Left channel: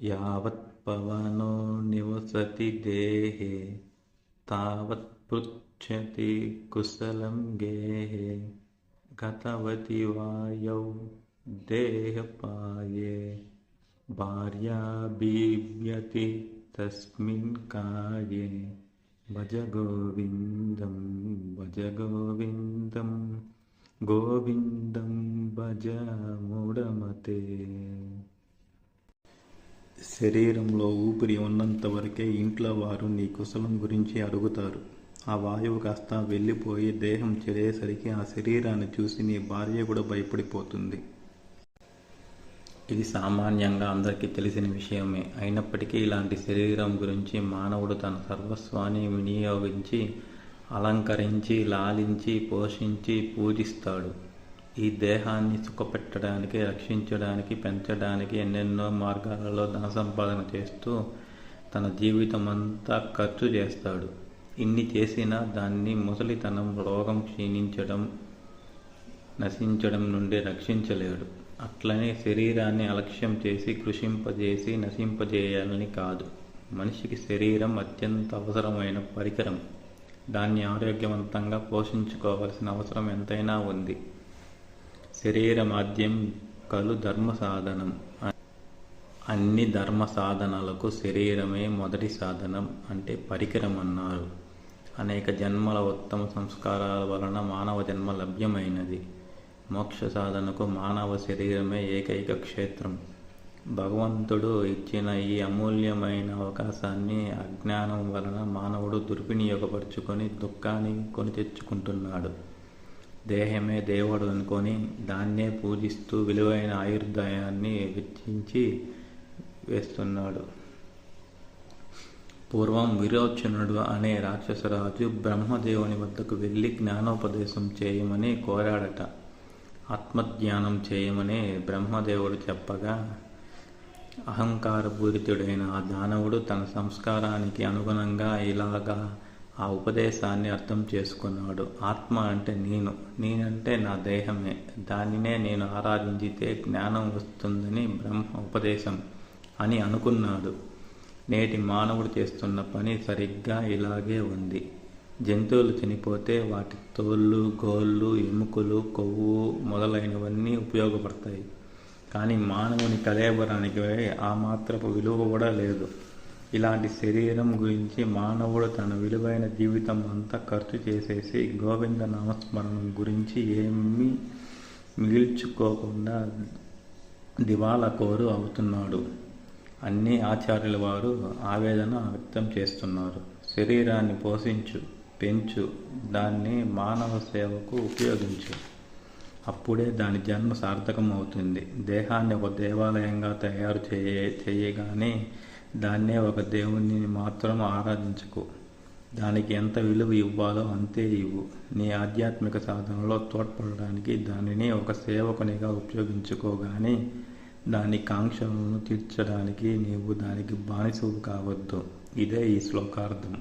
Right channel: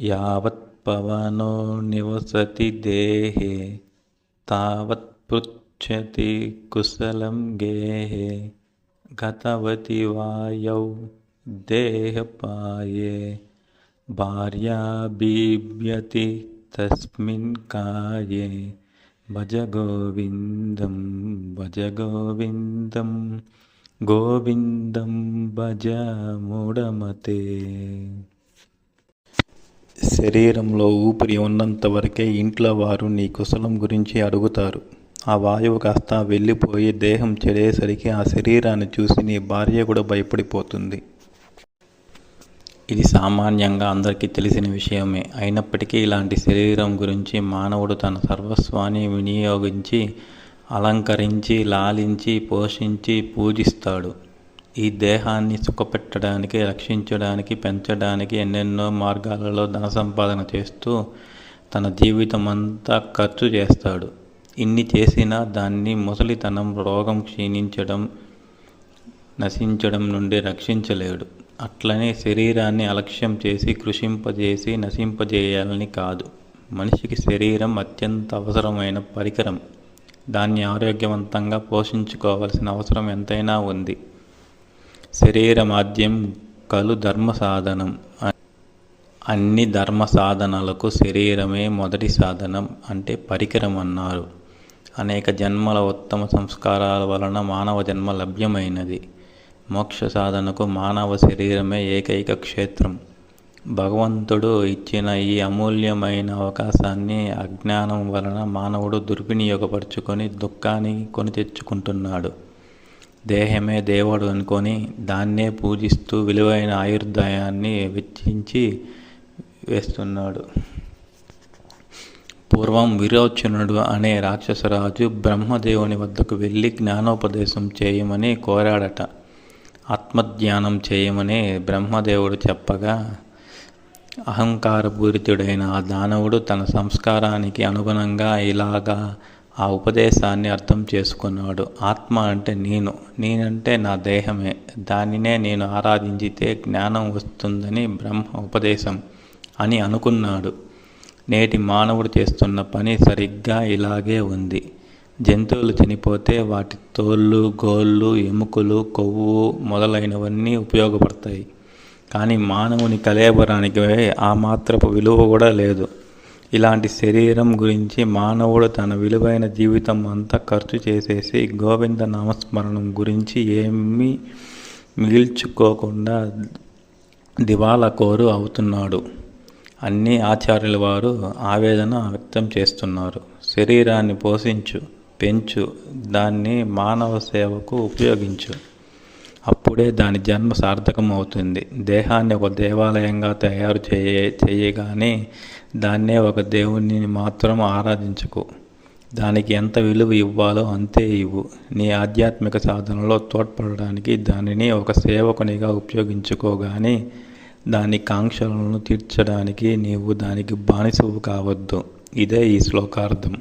यावत्पवनो निवसति देहे तावत् पृच्छति कुशलं गेहे। गतवती वायौ देहपाये भार्या बीव्यति तस्मिन् काये। भज गोविन्दं भज गोविन्दं गोविन्दं भज मूढमते। శరీరంలో ఊపిరి ఉన్నంత వరకే ఇంట్లో వారు నీ కుశలం గురించి అడుగుతారు. ఆ వాయువు కాస్త వెళ్ళిపోయి దేహం చెడేసరికి ఆ శరీరాన్ని చూసి నీ భార్య కూడా భయపడిపోతుంది. ఇది సామాన్యంగా అందరికీ తెలిసిన విషయమే. అయినప్పటికీ ఇలాంటి శరీరం గురించి మానవుడు తన సర్వస్వాన్ని వినియోగించి అలంకరించి లాలించి పోషించి పూజిస్తాడు. ఈ దేహాన్ని సుఖపెట్టడానికి రక్షించడానికి పెంచడానికి ఎన్నెన్నో మార్గాలలో ధన సంపాదన చేస్తూ తన జీవితం అంతా ఖర్చు చేస్తాడు. ఇన్ని చేసినా దాన్ని ముసలితనం రోగం క్షీణించడం నశించడం నుండి రక్షించలేడు. అట్లనే శరీరాన్ని అలక్ష్యం చేసి కృషింపజేసి నశింపజేయాలని కాదు. మనిషికి శరీరం అత్యంత అవసరమైన పరికరం. దాన్ని ఆరోగ్యవంతంగా పోషించుకోవాల్సిన అవసరం ఎంతైనా ఉంది. శరీరమాద్యం కలు ధర్మ సాధనం అన్ని ధర్మ సాధనలకు శరీరమే మొదటి సాధనం అంటే పరికరం అన్నారు అనేక జన్మల ఉత్తమ సంస్కారాల వలన మానవ జన్మ లభ్యమైనది. మోక్ష సాధనకు మానవ శరీరమే ఏకైక క్షేత్రం. భగవంతుడు ఇచ్చిన ఈ అమూల్యమైన అవకాశాన్ని అజ్ఞానం వలన మానవుడు దుర్వినియోగపరుచుకొని దుఃఖాన్ని కొని తెచ్చుకుంటున్నాడు. దేహమే దేవుడు అనుకొని దాన్నే పూజిస్తూ విలువైన ఆయుర్దాయాన్ని వెచ్చించి వేస్తున్నాడు. పూర్వం విరోచనుడు అనే రాక్షసరాజు బ్రహ్మదేవుని వద్దకు వెళ్ళి జ్ఞానోపదేశం చేయమని కోరాడట. ఆత్మజ్ఞానం చేయమని బ్రహ్మదేవుడు చెప్పగా అహంకారపూరితుడైన ఆ దానవుడు తన సంస్కారానికి అనుగుణంగా ఇలాగా ఆ ఉపదేశాన్ని అర్థం చేసుకున్నాడు. ఆత్మ అంటే నేను. నేనంటే నా దేహమే. దానినే నేను ఆరాధించితే జ్ఞానం వస్తుందని బ్రహ్మ ఉపదేశం అని అనుకున్నాడు. నేటి మానవుడు చేస్తున్న పని సరిగ్గా ఇలాగే ఉంది. జంతువులు చనిపోతే వాటి తోళ్ళు గోళ్ళు ఎముకలు కొవ్వు మొదలైనవన్నీ ఉపయోగపడతాయి. కానీ మానవుని కలేబరానికి ఆ మాత్రపు విలువ కూడా లేదు. ఇలాంటి శరీరం గురించి మానవుడు తన విలువైన జీవితం అంతా ఖర్చు చేసేసి గోవింద నామస్మరణం గురించి ఏమీ మిగిల్చుకోకుండా దివాలా కోరు అవుతున్నాడు. అన్ని ఆచార్యుల వారు ఆవేదన వ్యక్తం చేస్తున్నారు. శరీరాన్ని పోషించు పెంచు దాన్ని మానవ సేవకు ఉపయోగించు. అప్పుడే దాని జన్మ సార్థకం అవుతుంది దేహాన్ని ఒక దేవాలయంగా తయారు చేయ చేయగానే దాన్నే ఒక దేవుణ్ణి మాత్రం ఆరాధించుకో. దానికి ఎంత విలువ ఇవ్వాలో అంతే ఇవ్వు. నీ ఆధ్యాత్మిక సాధనలో తోడ్పడడానికి దానిని ఒక సేవకునిగా ఉపయోగించుకోగాని దాని కాంక్షలను తీర్చడానికి నీవు దానికి బానిసవు కావద్దు. ఇదే ఈ శ్లోకార్థం.